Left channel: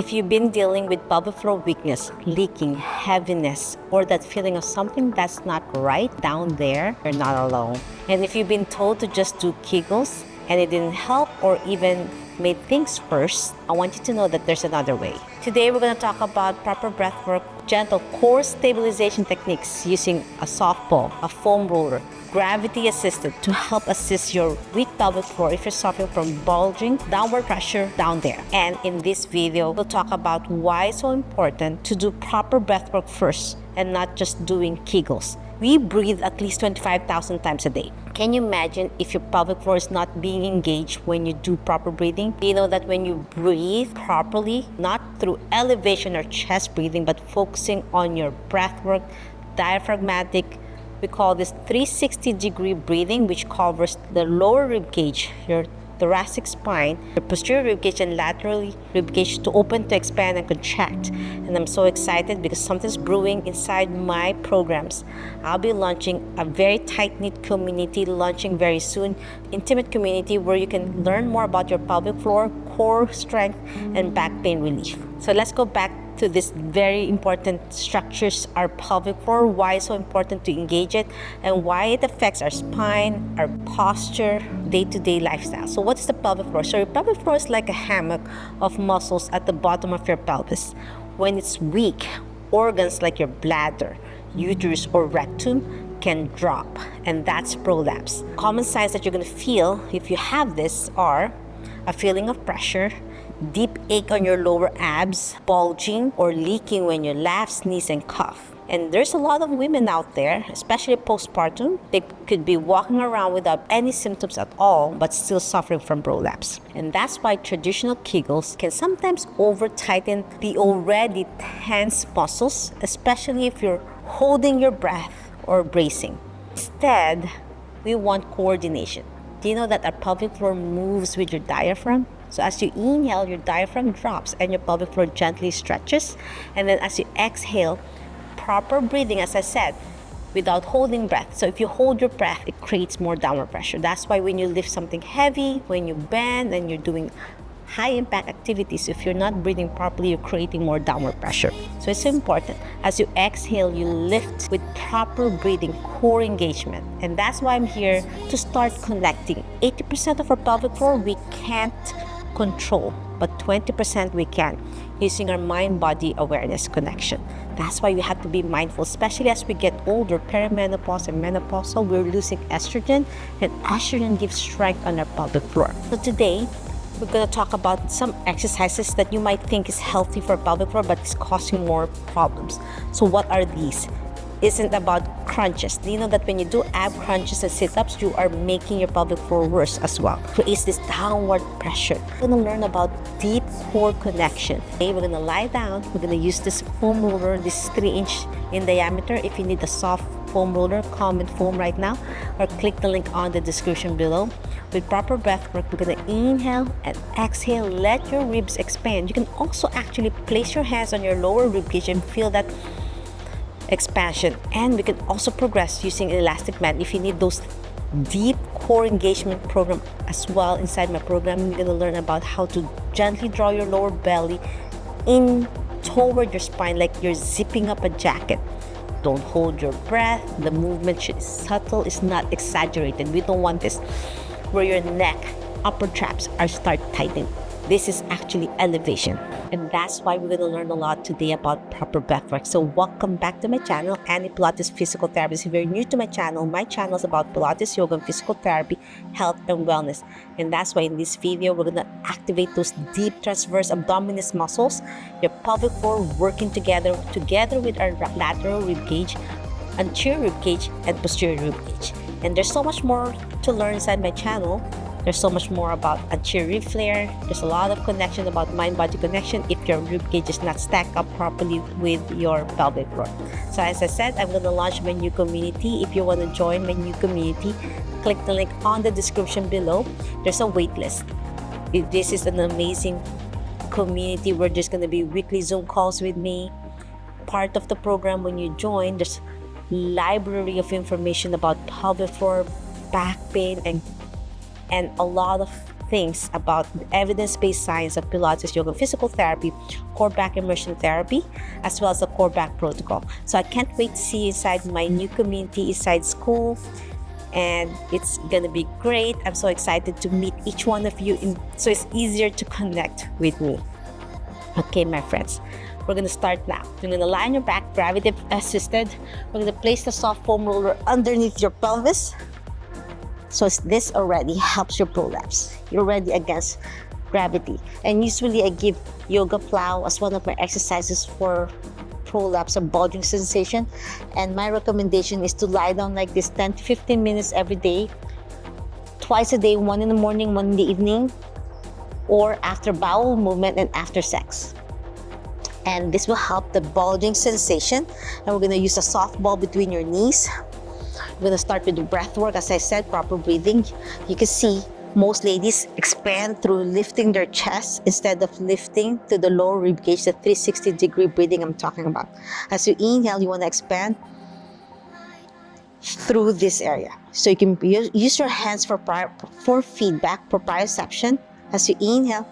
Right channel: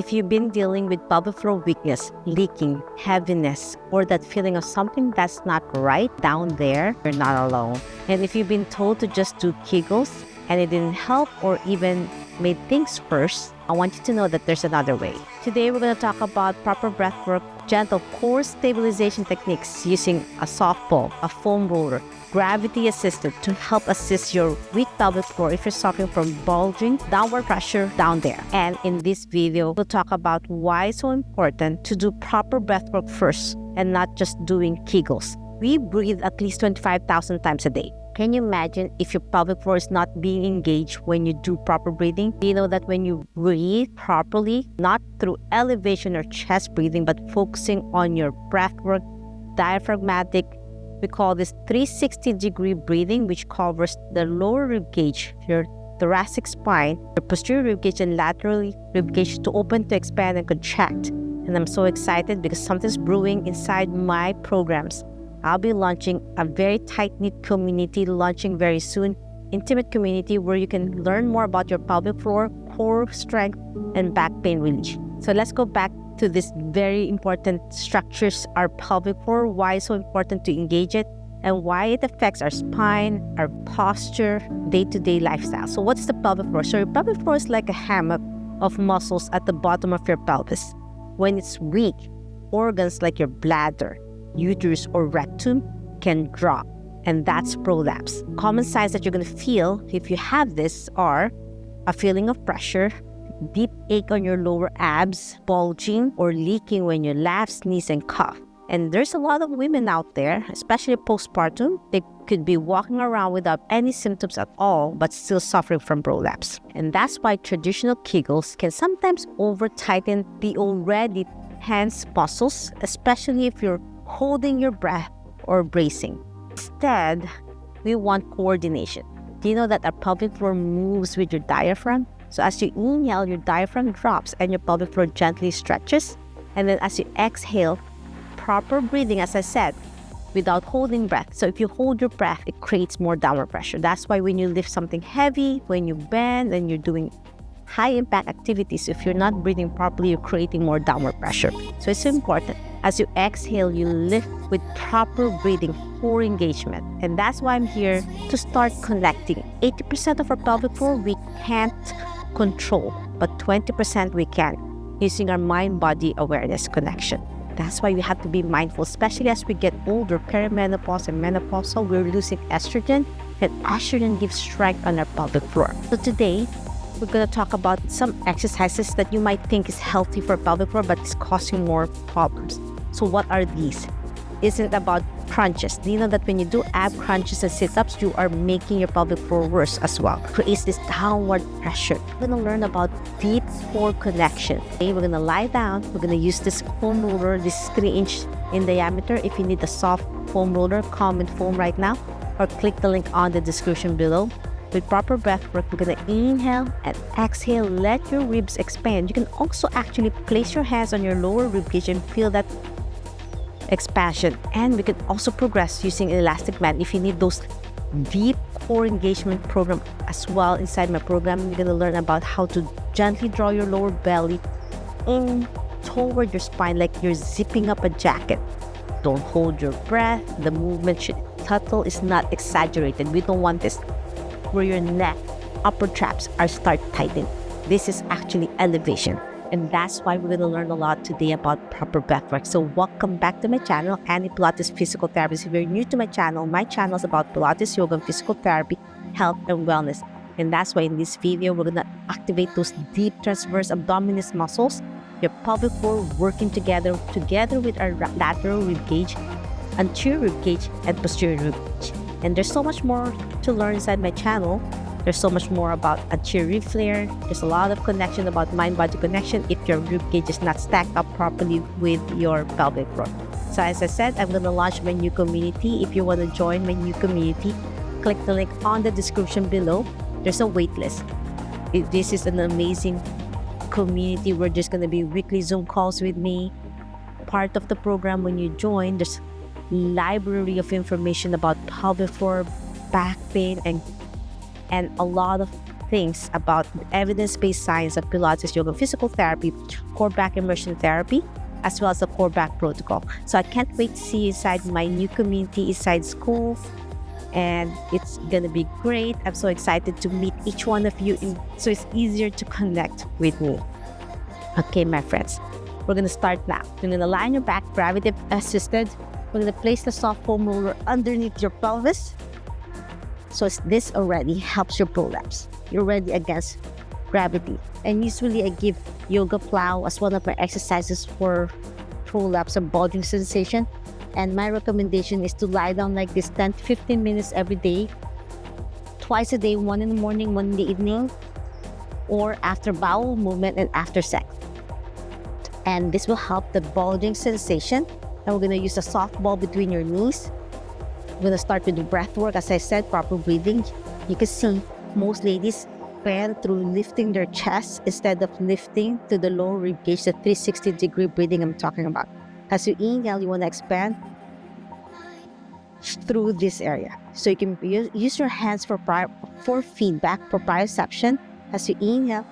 If you've been dealing with pelvic floor weakness, leaking, heaviness, or that feeling of something that's not right down there, you're not alone. And if you've been told to just do Kegels and it didn't help or even made things worse, I want you to know that there's another way. Today, we're going to talk about proper breath work, gentle core stabilization techniques using a soft ball, a foam roller, gravity assisted to help assist your weak pelvic floor if you're suffering from bulging, downward pressure down there. And in this video, we'll talk about why it's so important to do proper breath work first and not just doing Kegels. We breathe at least 25,000 times a day. Can you imagine if your pelvic floor is not being engaged when you do proper breathing? You know that when you breathe properly, not through elevation or chest breathing, but focusing on your breath work, diaphragmatic, we call this 360-degree breathing, which covers the lower rib cage, your thoracic spine, your posterior rib cage, and lateral rib cage to open, to expand, and contract. And I'm so excited because something's brewing inside my programs. I'll be launching a very tight-knit community, launching very soon, intimate community where you can learn more about your pelvic floor, core strength, and back pain relief. So let's go back to this very important structures, our pelvic floor, why it's so important to engage it, and why it affects our spine, our posture, day-to-day lifestyle. So what's the pelvic floor? So your pelvic floor is like a hammock of muscles at the bottom of your pelvis. When it's weak, organs like your bladder, uterus, or rectum can drop, and that's prolapse. Common signs that you're going to feel if you have this are a feeling of pressure, deep ache on your lower abs, bulging or leaking when you laugh, sneeze, and cough. And there's a lot of women out there, especially postpartum, they could be walking around without any symptoms at all, but still suffering from prolapse. And that's why traditional Kegels can sometimes over-tighten the already tense muscles, especially if you're holding your breath or bracing. Instead, we want coordination. Do you know that our pelvic floor moves with your diaphragm? So as you inhale, your diaphragm drops and your pelvic floor gently stretches. And then as you exhale, proper breathing, as I said, without holding breath. So if you hold your breath, it creates more downward pressure. That's why when you lift something heavy, when you bend and you're doing high impact activities, if you're not breathing properly, you're creating more downward pressure. So it's important. As you exhale, you lift with proper breathing, core engagement. And that's why I'm here to start connecting. 80% of our pelvic floor we can't control, but 20% we can, using our mind-body awareness connection. That's why we have to be mindful, especially as we get older, perimenopause and menopausal, we're losing estrogen, and estrogen gives strength on our pelvic floor. So today, we're going to talk about some exercises that you might think is healthy for pelvic floor, but it's causing more problems. So what are these? Isn't about crunches. Do you know that when you do ab crunches and sit-ups, you are making your pelvic floor worse as well? Creates this downward pressure. We're going to learn about deep core connection. Okay, we're going to lie down. We're going to use this foam roller. This is 3-inch in diameter. If you need a soft foam roller, comment foam right now, or click the link on the description below. With proper breath work, we're going to inhale and exhale. Let your ribs expand. You can also actually place your hands on your lower rib cage and feel that expansion. And we can also progress using an elastic band if you need those deep core engagement program as well. Inside my program, you're going to learn about how to gently draw your lower belly in toward your spine like you're zipping up a jacket. Don't hold your breath. The movement should be subtle, it's not exaggerated. We don't want this where your neck, upper traps are start tightening. This is actually elevation. And that's why we're going to learn a lot today about proper breath work. So welcome back to my channel, Annie Pilates Physical Therapist. If you're new to my channel is about Pilates, yoga, and physical therapy, health, and wellness. And that's why in this video, we're going to activate those deep transverse abdominis muscles, your pelvic floor working together with our lateral rib cage, anterior rib cage, and posterior rib cage. And there's so much more to learn inside my channel. There's so much more about anterior rib flare. There's a lot of connection about mind-body connection if your rib cage is not stacked up properly with your pelvic floor. So as I said, I'm going to launch my new community. If you want to join my new community, click the link on the description below. There's a wait list. This is an amazing community where there's going to be weekly Zoom calls with me. Part of the program when you join, there's library of information about pelvic floor, back pain, and a lot of things about evidence-based science of Pilates, yoga, physical therapy, core back immersion therapy, as well as the core back protocol. So I can't wait to see you inside my new community, inside school, and it's gonna be great. I'm so excited to meet each one of you, so it's easier to connect with me. Okay, my friends, we're gonna start now. You're gonna lie on your back, gravity assisted. We're gonna place the soft foam roller underneath your pelvis. So this already helps your prolapse. You're already against gravity. And usually I give yoga plow as one of my exercises for prolapse or bulging sensation. And my recommendation is to lie down like this 10 to 15 minutes every day, twice a day, one in the morning, one in the evening, or after bowel movement and after sex. And this will help the bulging sensation. And we're gonna use a soft ball between your knees. We're gonna start with the breath work. As I said, proper breathing. You can see most ladies expand through lifting their chest instead of lifting to the lower rib cage, the 360-degree breathing I'm talking about. As you inhale, you wanna expand through this area. So you can use your hands for feedback, proprioception. As you inhale,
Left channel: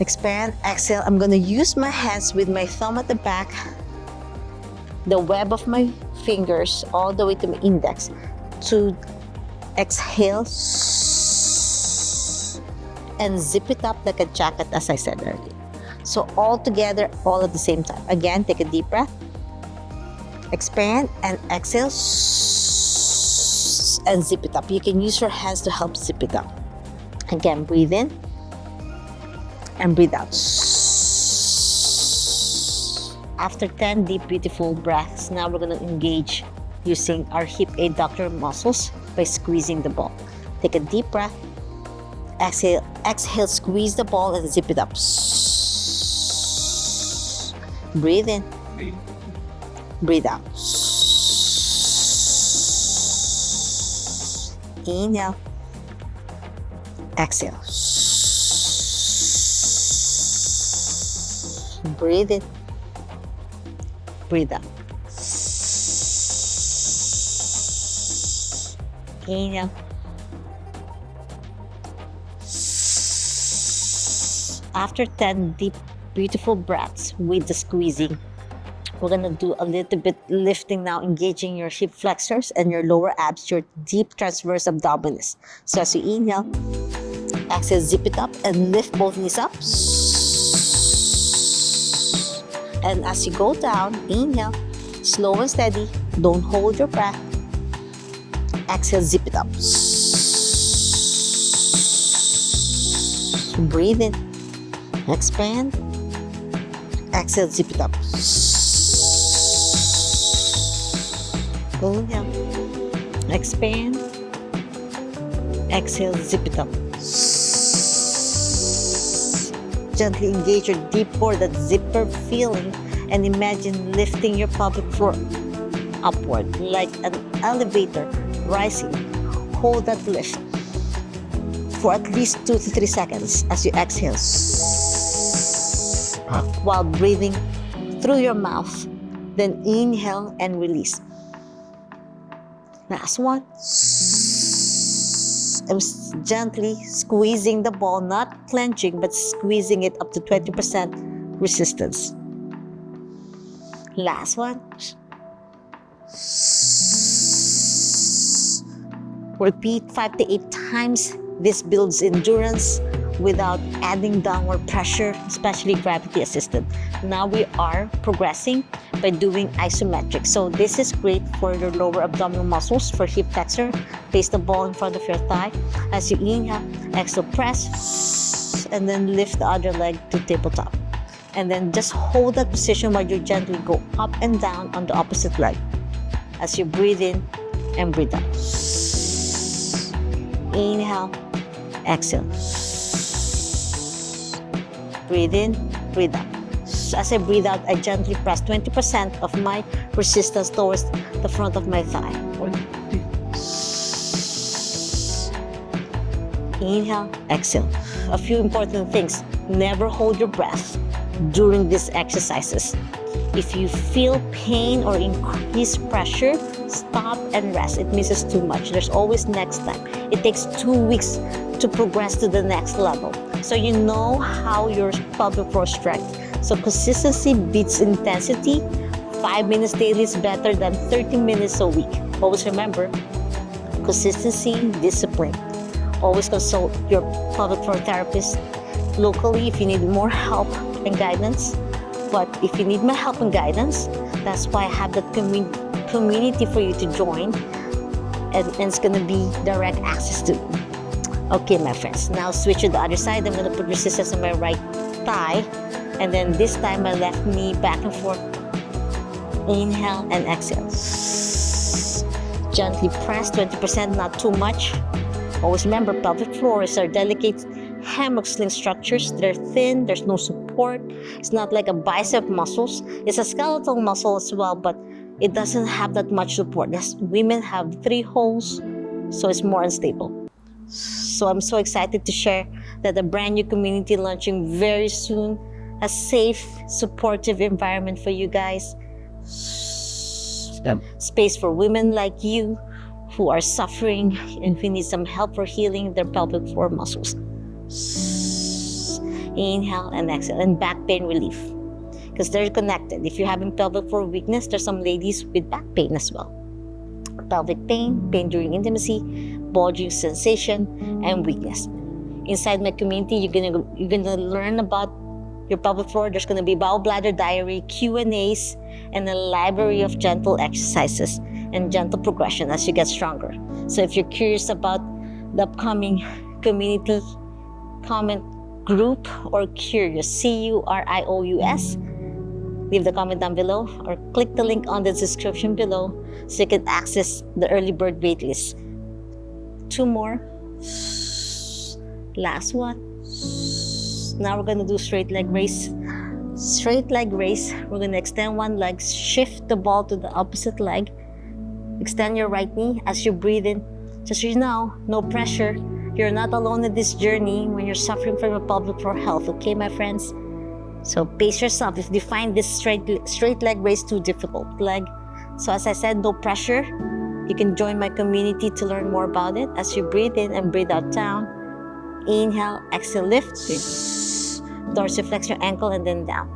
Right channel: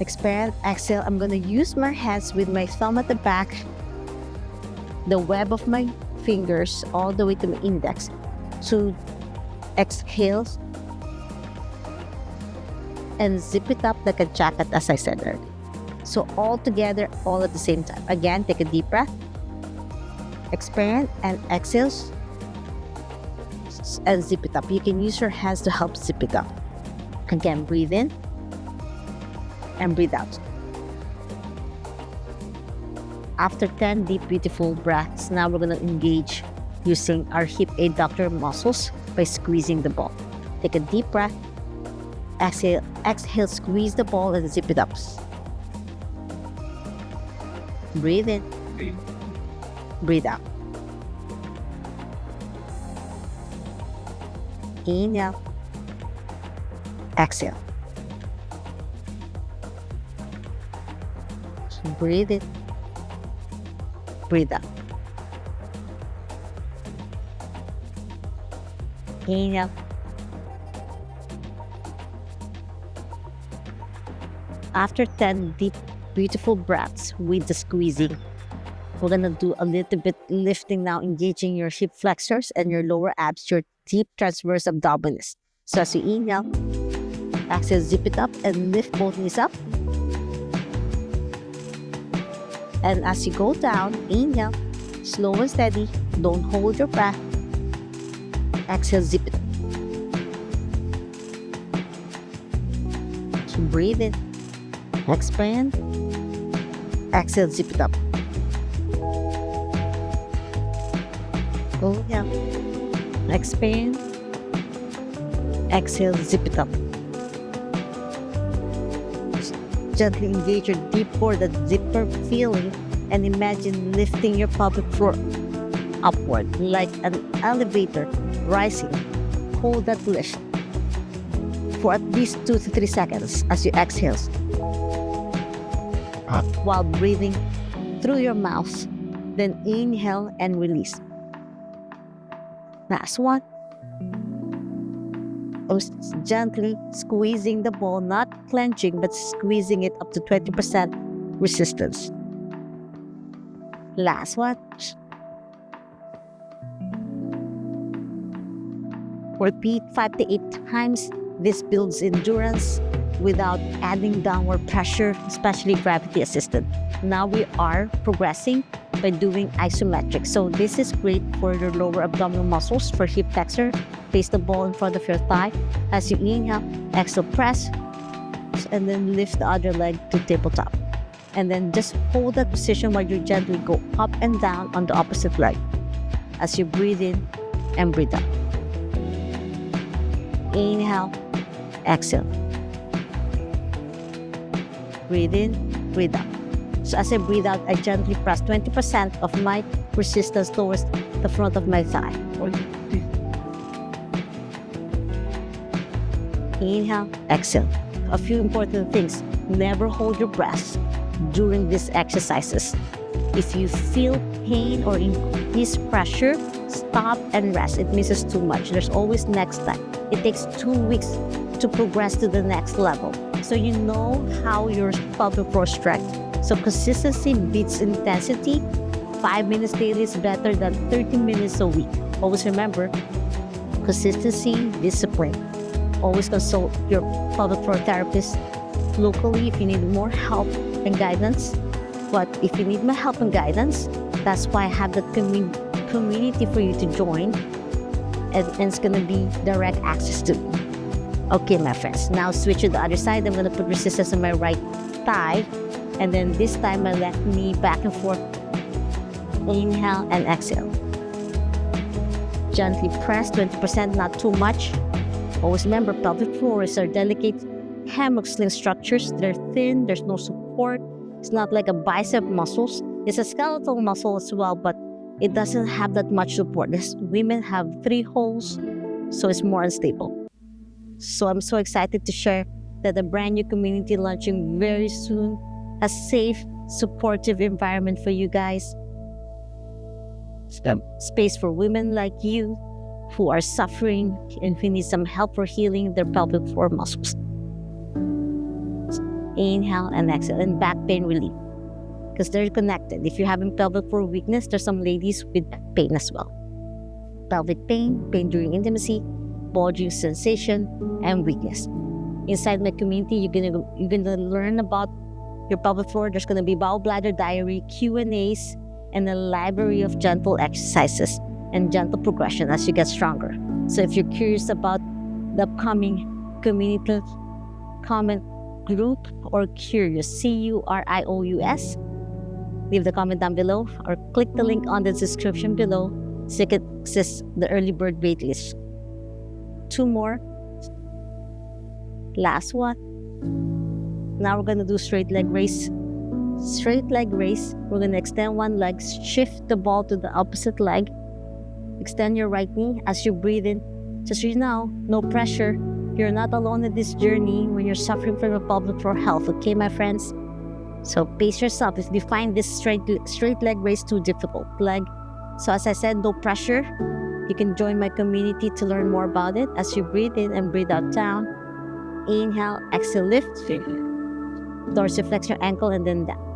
expand, exhale. I'm gonna use my hands with my thumb at the back, the web of my fingers all the way to my index to exhale and zip it up like a jacket, as I said earlier. So all together, all at the same time. Again, take a deep breath, expand and exhale and zip it up. You can use your hands to help zip it up. Again, breathe in and breathe out. After 10 deep, beautiful breaths, now we're going to engage using our hip adductor muscles by squeezing the ball. Take a deep breath, exhale, squeeze the ball and zip it up. Breathe in, breathe out. Inhale, exhale. Breathe in, breathe out. Inhale. After 10 deep, beautiful breaths with the squeezing, we're gonna do a little bit lifting now, engaging your hip flexors and your lower abs, your deep transverse abdominis. So as you inhale, exhale, zip it up and lift both knees up. And as you go down, inhale, slow and steady, don't hold your breath. Exhale, zip it up. Breathe in, expand, exhale, zip it up. Inhale, expand, exhale, zip it up. Gently engage your deep core, that zipper feeling, and imagine lifting your pelvic floor upward like an elevator rising. Hold that lift for at least 2 to 3 seconds as you exhale while breathing through your mouth. Then inhale and release. Last one. I was gently squeezing the ball, not clenching, but squeezing it up to 20% resistance. Last one. Repeat 5 to 8 times. This builds endurance without adding downward pressure, especially gravity assisted. Now we are progressing by doing isometric. So this is great for your lower abdominal muscles, for hip flexor. Place the ball in front of your thigh. As you inhale, exhale, press, and then lift the other leg to tabletop. And then just hold that position while you gently go up and down on the opposite leg as you breathe in and breathe out. Inhale, exhale. Breathe in, breathe out. So as I breathe out, I gently press 20% of my resistance towards the front of my thigh. Inhale, exhale. A few important things. Never hold your breath during these exercises. If you feel pain or increased pressure, stop and rest. It misses too much. There's always next time. It takes 2 weeks to progress to the next level. So you know how your pelvic floor stretch. So consistency beats intensity. 5 minutes daily is better than 30 minutes a week. Always remember, consistency, discipline. Always consult your pelvic floor therapist locally if you need more help and guidance. But if you need my help and guidance, that's why I have that community for you to join, and it's gonna be direct access to you. Okay, my friends, now switch to the other side. I'm gonna put resistance on my right thigh, and then this time my left knee back and forth. Inhale and exhale. Gently press, 20%, not too much. Always remember, pelvic floors are delicate hammock sling structures. They're thin, there's no support. It's not like a bicep muscles. It's a skeletal muscle as well, but it doesn't have that much support. Women have 3 holes, so it's more unstable. So I'm so excited to share that a brand new community launching very soon, a safe, supportive environment for you guys. Space for women like you who are suffering and who need some help for healing their pelvic floor muscles. Inhale and exhale, and back pain relief, because they're connected. If you're having pelvic floor weakness, there's some ladies with back pain as well. Pelvic pain, pain during intimacy, bulging sensation, and weakness. Inside my community, you're gonna learn about your pelvic floor. There's gonna be bowel bladder diary, Q&As, and a library of gentle exercises and gentle progression as you get stronger. So if you're curious about the upcoming community comment group, or curious, CURIOUS, leave the comment down below or click the link on the description below so you can access the early bird waitlist. 2 more. Last one. Now we're gonna do straight leg raise. Straight leg raise. We're gonna extend one leg, shift the ball to the opposite leg, extend your right knee as you breathe in. Just so you know, no pressure. You're not alone in this journey when you're suffering from your pelvic floor health, okay, my friends? So pace yourself if you find this straight leg raise too difficult. So as I said, no pressure. You can join my community to learn more about it as you breathe in and breathe out down. Inhale, exhale, lift. Dorsiflex your ankle and then down.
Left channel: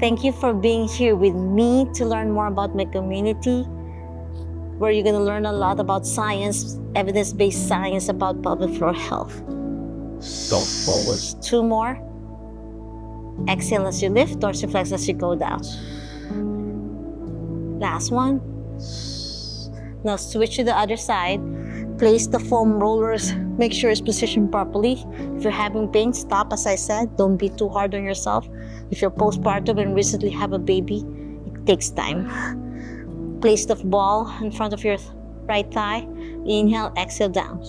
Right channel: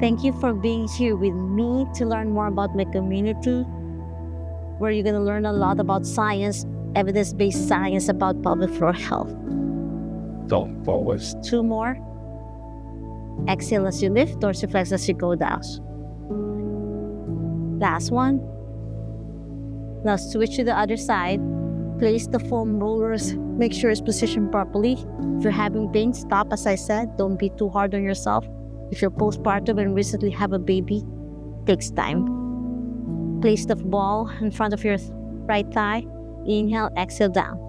Thank you for being here with me to learn more about my community, where you're going to learn a lot about science, evidence-based science about pelvic floor health. Don't forward. 2 more. Exhale as you lift, dorsiflex as you go down. Last one. Now switch to the other side. Place the foam rollers. Make sure it's positioned properly. If you're having pain, stop. As I said, don't be too hard on yourself. If you're postpartum and recently have a baby, it takes time. Place the ball in front of your right thigh. Inhale, exhale, down.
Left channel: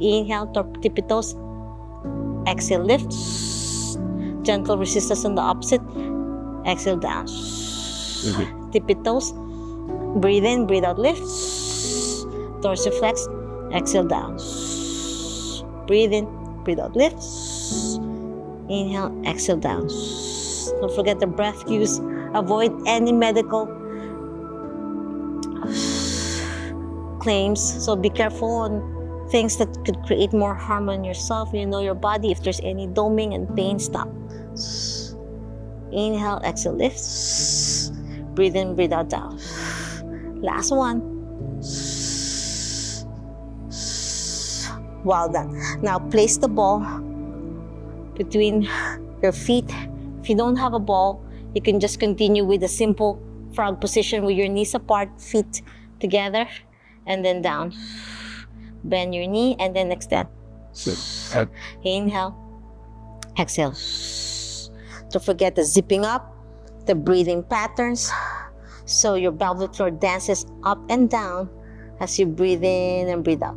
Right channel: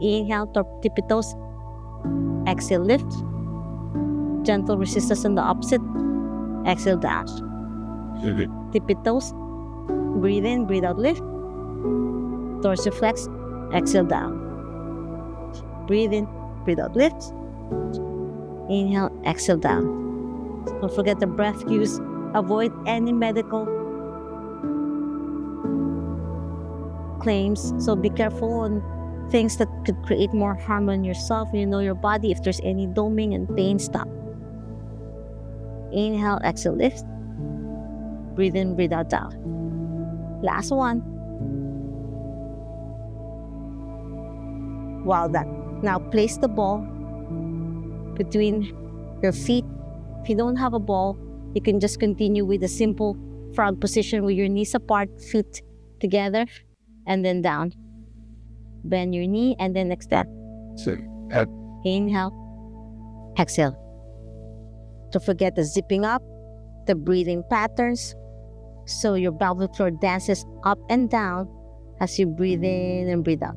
Inhale, tippy toes. Exhale, lift. Gentle resistance on the opposite. Exhale, down. Tippy toes. Breathe in, breathe out, lift. Dorsiflex. Exhale, down. Breathe in, breathe out, lift. Inhale, exhale, down. Don't forget the breath cues. Avoid any medical claims. So be careful on things that could create more harm on yourself. You know your body. If there's any doming and pain, stop. Inhale, exhale, lift. Breathe in, breathe out, down. Last one. Well done. Now place the ball between your feet. If you don't have a ball, you can just continue with a simple frog position with your knees apart, feet together, and then down. Bend your knee and then extend. Inhale, exhale. Don't forget the zipping up, the breathing patterns. So your pelvic floor dances up and down as you breathe in and breathe out.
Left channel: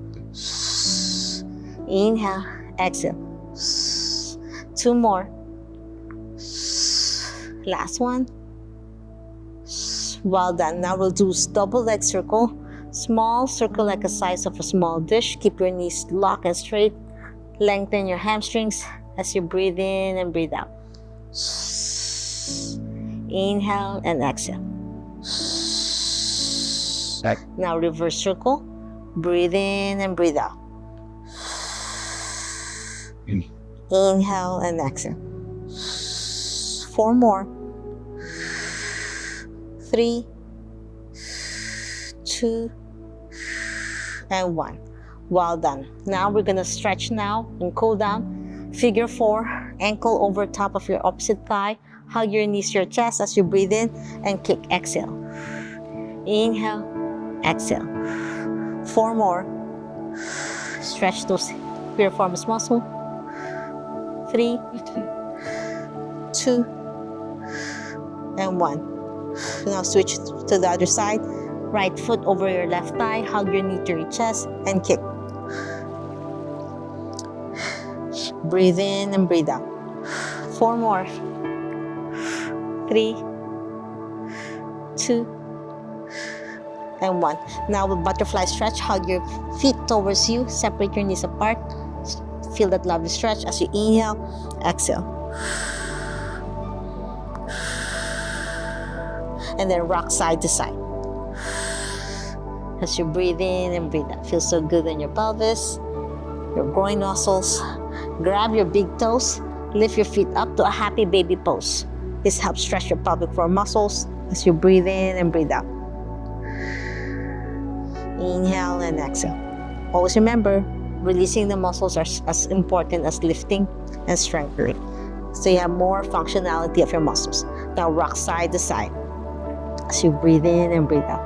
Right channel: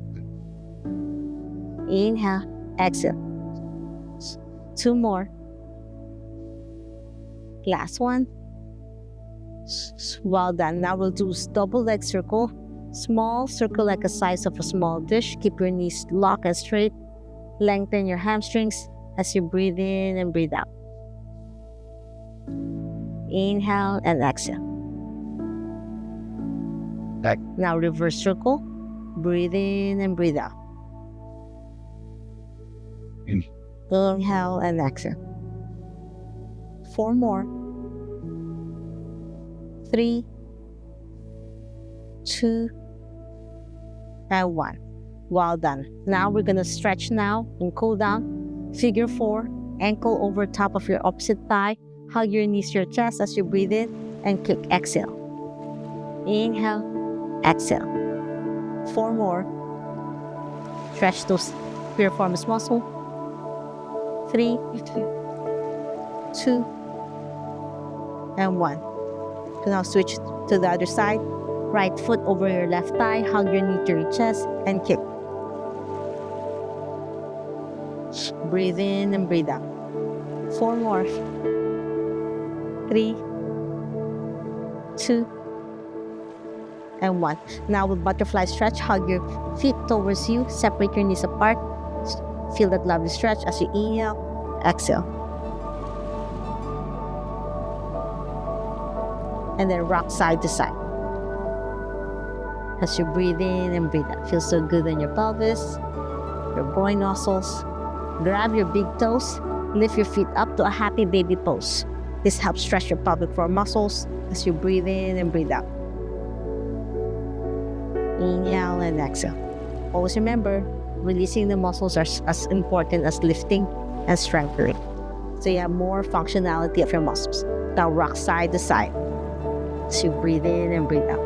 Inhale, exhale. 2 more. Last one. Well done. Now we'll do double leg circle. Small circle like the size of a small dish. Keep your knees locked and straight. Lengthen your hamstrings as you breathe in and breathe out. Inhale and exhale. Back. Now reverse circle. Breathe in and breathe out. In. Inhale and exhale. 4 more. 3, 2, and 1. Well done. Now we're gonna stretch now and cool down. Figure 4, ankle over top of your opposite thigh. Hug your knees to your chest as you breathe in and kick. Exhale. Inhale, exhale. 4 more. Stretch those piriformis muscle. 3, 2, and 1. So now switch to the other side. Right foot over your left thigh. Hug your knee to your chest and kick. Breathe in and breathe out. 4 more. 3, 2, and 1. Now with butterfly stretch, hug your feet towards you. Separate your knees apart. Feel that lovely stretch as you inhale, exhale. And then rock side to side. As you breathe in and breathe out. Feels so good in your pelvis, your groin muscles. Grab your big toes. Lift your feet up to a happy baby pose. This helps stretch your pelvic floor muscles as you breathe in and breathe out. Inhale and exhale. Always remember, releasing the muscles are as important as lifting and strengthening. So you have more functionality of your muscles. Now rock side to side as you breathe in and breathe out.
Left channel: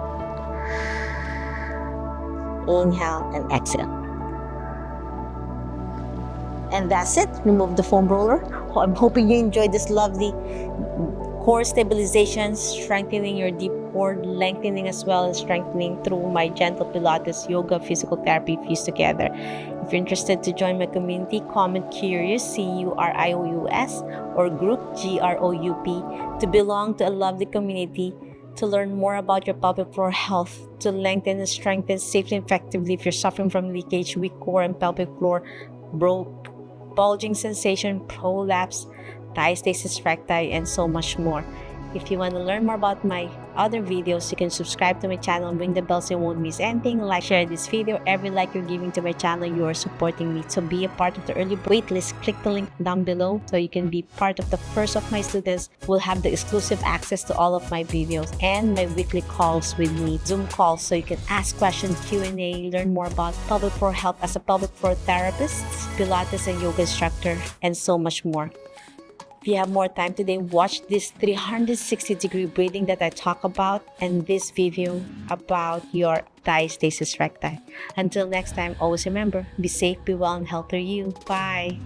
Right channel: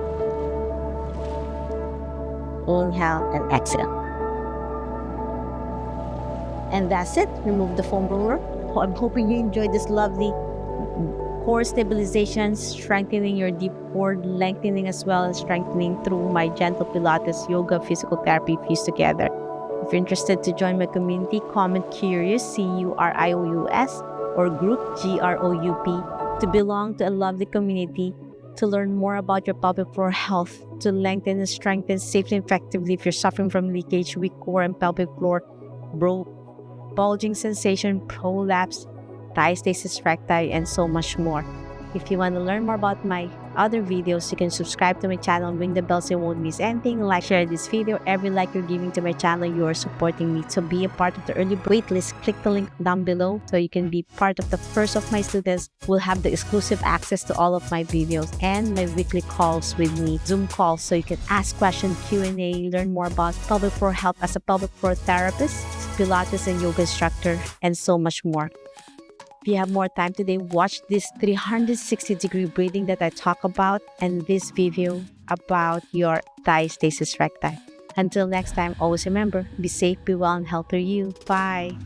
Inhale and exhale. And that's it. Remove the foam roller. I'm hoping you enjoyed this lovely core stabilization, strengthening your deep core, lengthening as well as strengthening through my gentle Pilates, yoga, physical therapy fused together. If you're interested to join my community, comment curious, CURIOUS, or group GROUP, to belong to a lovely community, to learn more about your pelvic floor health, to lengthen and strengthen safely and effectively if you're suffering from leakage, weak core and pelvic floor, bulging sensation, prolapse, diastasis recti, and so much more. If you want to learn more about my other videos, you can subscribe to my channel, ring the bell so you won't miss anything, like, share this video. Every like you're giving to my channel, you are supporting me. To be a part of the early waitlist, click the link down below so you can be part of the first of my students who will have the exclusive access to all of my videos and my weekly calls with me, Zoom calls, so you can ask questions, Q&A, learn more about pelvic floor health as a pelvic floor therapist, Pilates and yoga instructor, and so much more. If you have more time today, watch this 360-degree breathing that I talk about and this video about your diastasis recti. Until next time, always remember, be safe, be well, and healthy you. Bye.